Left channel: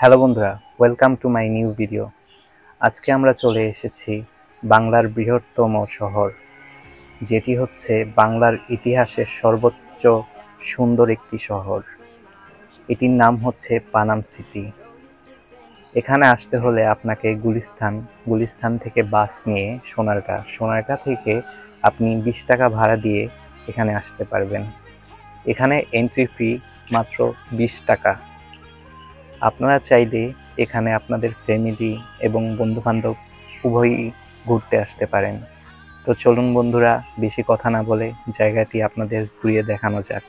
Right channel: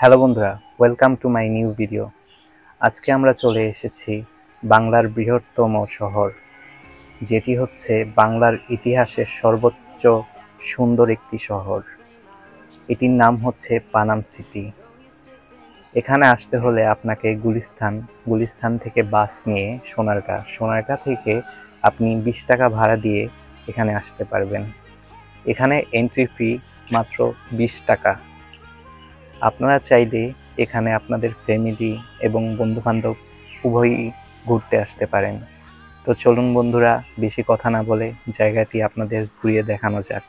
হ্যালো বন্ধুরা, welcome to my new video. আজকে আমরা চলে এসেছি বাংলার বৃহত্তম শহর, যেটি হচ্ছে বাংলার ইতিহাসের সর্বোচ্চ সুন্দর একটি শহর। এটির নাম হচ্ছে পানাম সিটি। এখানে আসতে হলে আপনাকে গুলিস্তান থেকে বাস নিয়ে সোনারগাঁ থেকে আপনি 20 টাকা ভাড়া দিয়ে এখানে আসতে পারবেন। এখানে এন্ট্রি ফি মাত্র 20 টাকা। আপনারা চাইলে এখানে আপনাদের ফ্যামিলি এবং বন্ধুবান্ধব উভয়ই ঘুরতে আসতে পারেন। তো চলুন বন্ধুরা, বেশি কথা না বলে জায়গাটি আপনাদের ঘুরিয়ে দেখানো যাক।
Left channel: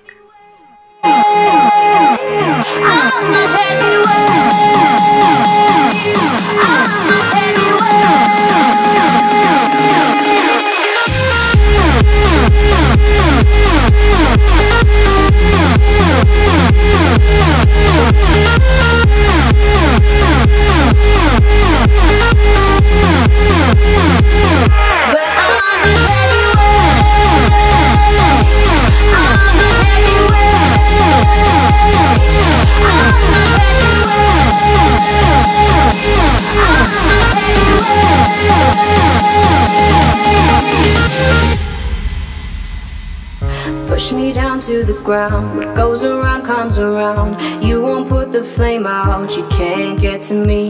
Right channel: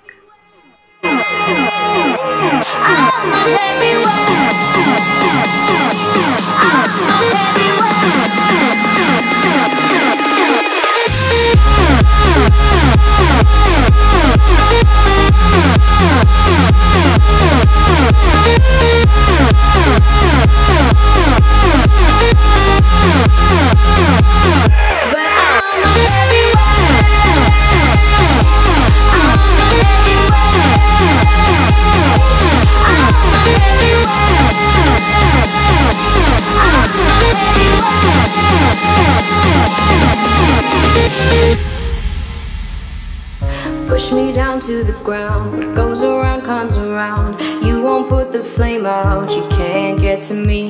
Push me down to the ground. What goes around comes around. You won't put the flame out, you can't get to me.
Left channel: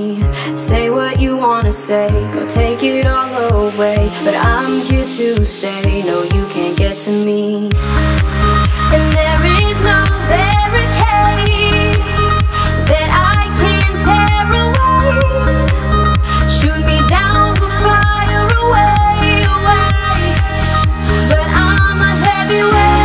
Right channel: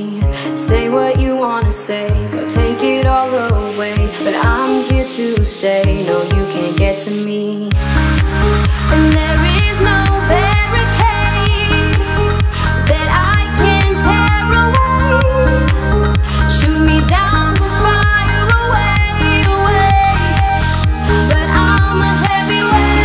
Say what you wanna say, go take it all away. But I'm here to stay, no you can't get to me. And there is no barricade that I can tear away. Shoot me down, go fire away, away. But I'm a heavyweight.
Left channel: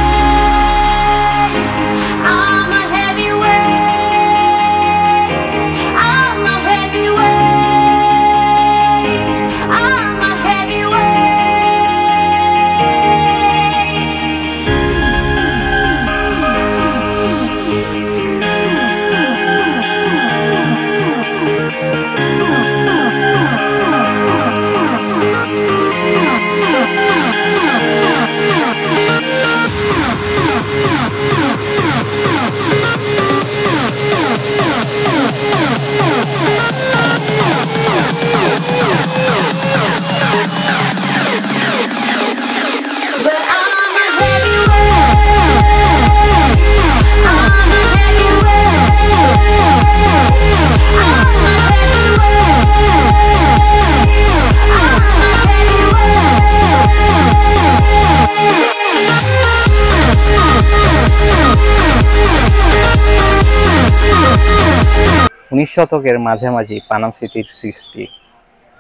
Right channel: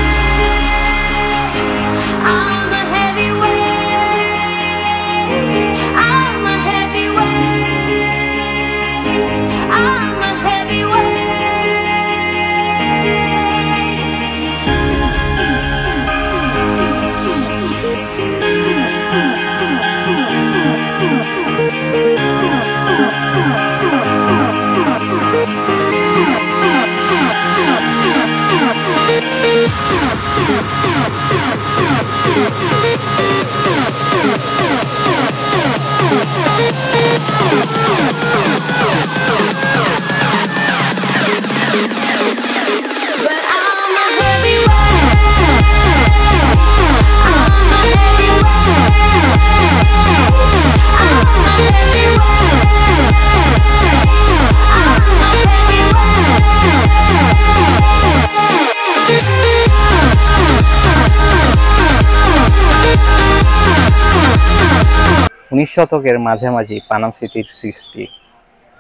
শতকের মাঝামাঝি পানাম সিটির সৃষ্টি,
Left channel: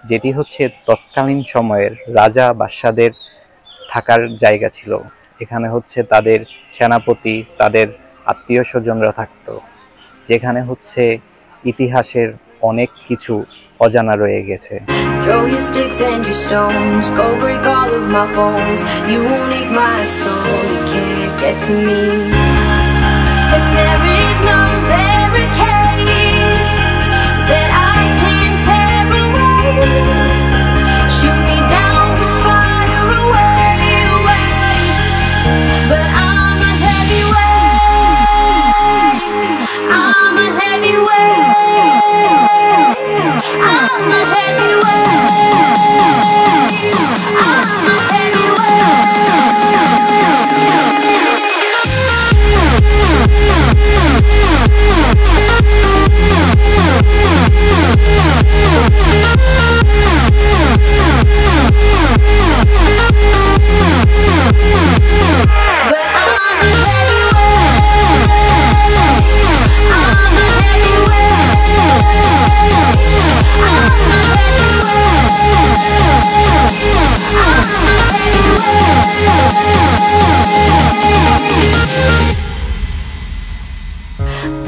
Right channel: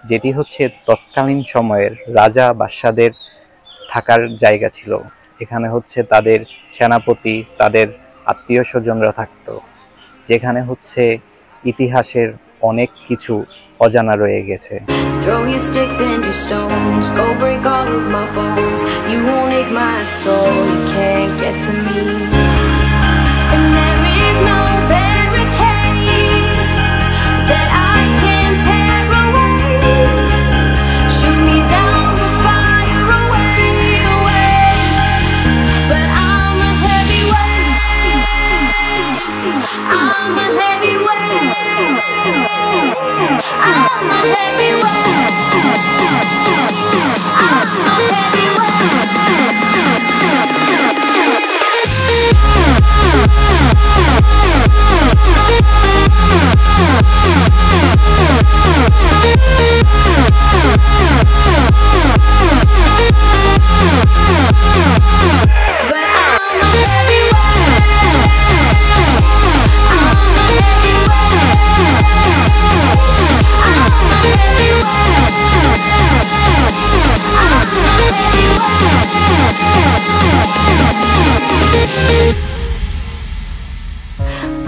যেটি হচ্ছে তৎকালীন সময়ের রাজা বাদশাদের থাকার জায়গা ছিল। এখানে হচ্ছে তাদের সেনাপতি, তাদের আত্মীয় স্বজনরা থাকতো, যেখানে হচ্ছে ইতিহাসের অনেক কিছু অজানা রয়ে গেছে। Throw your sticks and your stones, go break all of my bones. You won't ache my soul, you can't get to me. And there is no barricade that I can tear away. Shoot me down, go fire away, away. But I'm a heavyweight. I'm a heavyweight. I'm a heavyweight. I'm a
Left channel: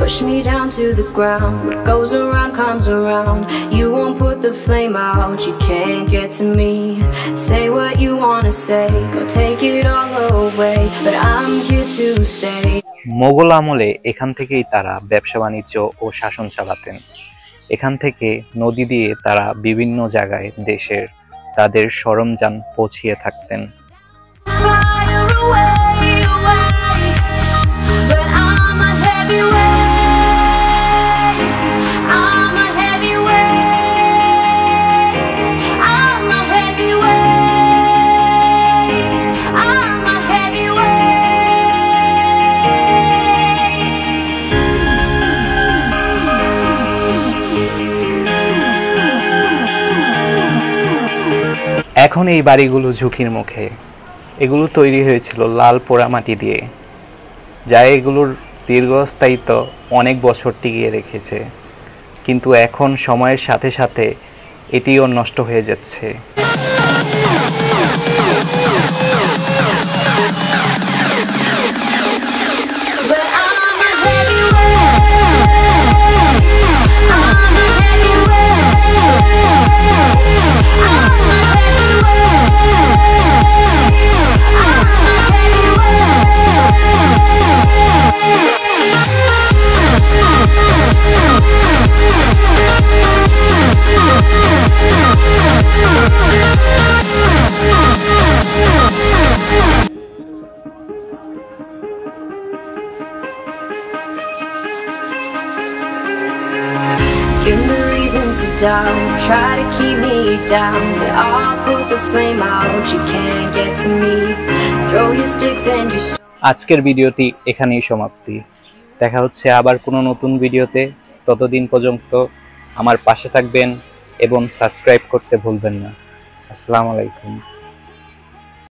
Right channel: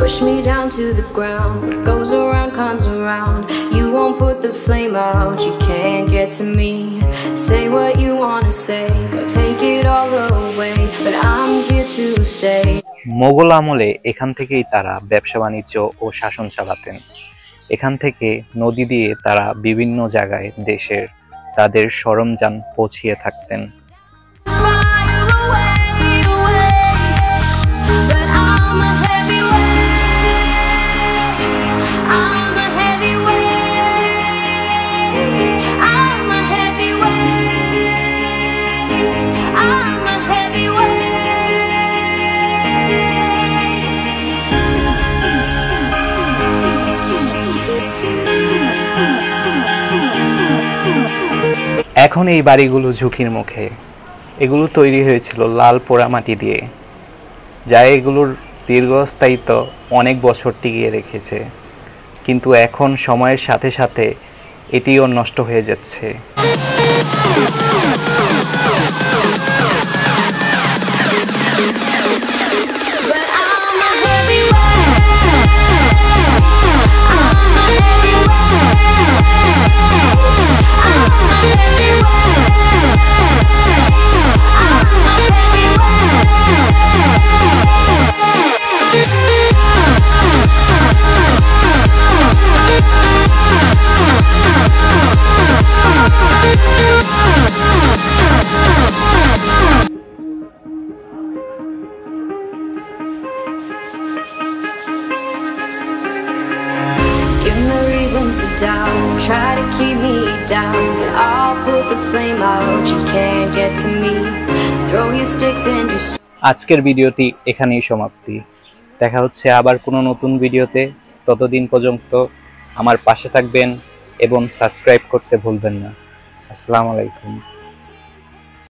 Push me down to the ground. What goes around comes around. You won't put the flame out, you can't get to me. Say what you wanna say, go take it all away. But I'm here to stay. Mughal আমলে এখান থেকেই তারা ব্যবসা বাণিজ্য ও শাসন চালাতেন। এখান থেকে নদী দিয়ে তারা বিভিন্ন জায়গায় দেশের তাদের সরঞ্জাম পৌঁছিয়ে থাকতেন। But I'm a heavyweight. এখন এই বাড়িগুলো ঝুঁকির মুখে। এগুলো তৈরি হয়েছিল লাল পোড়ামাটি দিয়ে, যা এগুলোর দীর্ঘস্থায়িত্ব অনেক বছর টিকিয়ে রেখেছে। কিন্তু এখন সময়ের সাথে সাথে এটিও নষ্ট হয়ে যাচ্ছে। Give me reasons to doubt, try to keep me down, but I'll put the flame out, you can't get to me. Throw your sticks and you আজকের ভিডিওটি এখানেই সমাপ্তি। দেখা হচ্ছে আবার কোনো নতুন ভিডিওতে। ততদিন পর্যন্ত আমার পাশে থাকবেন এবং সাবস্ক্রাইব করতে ভুলবেন না। আসসালামু আলাইকুম।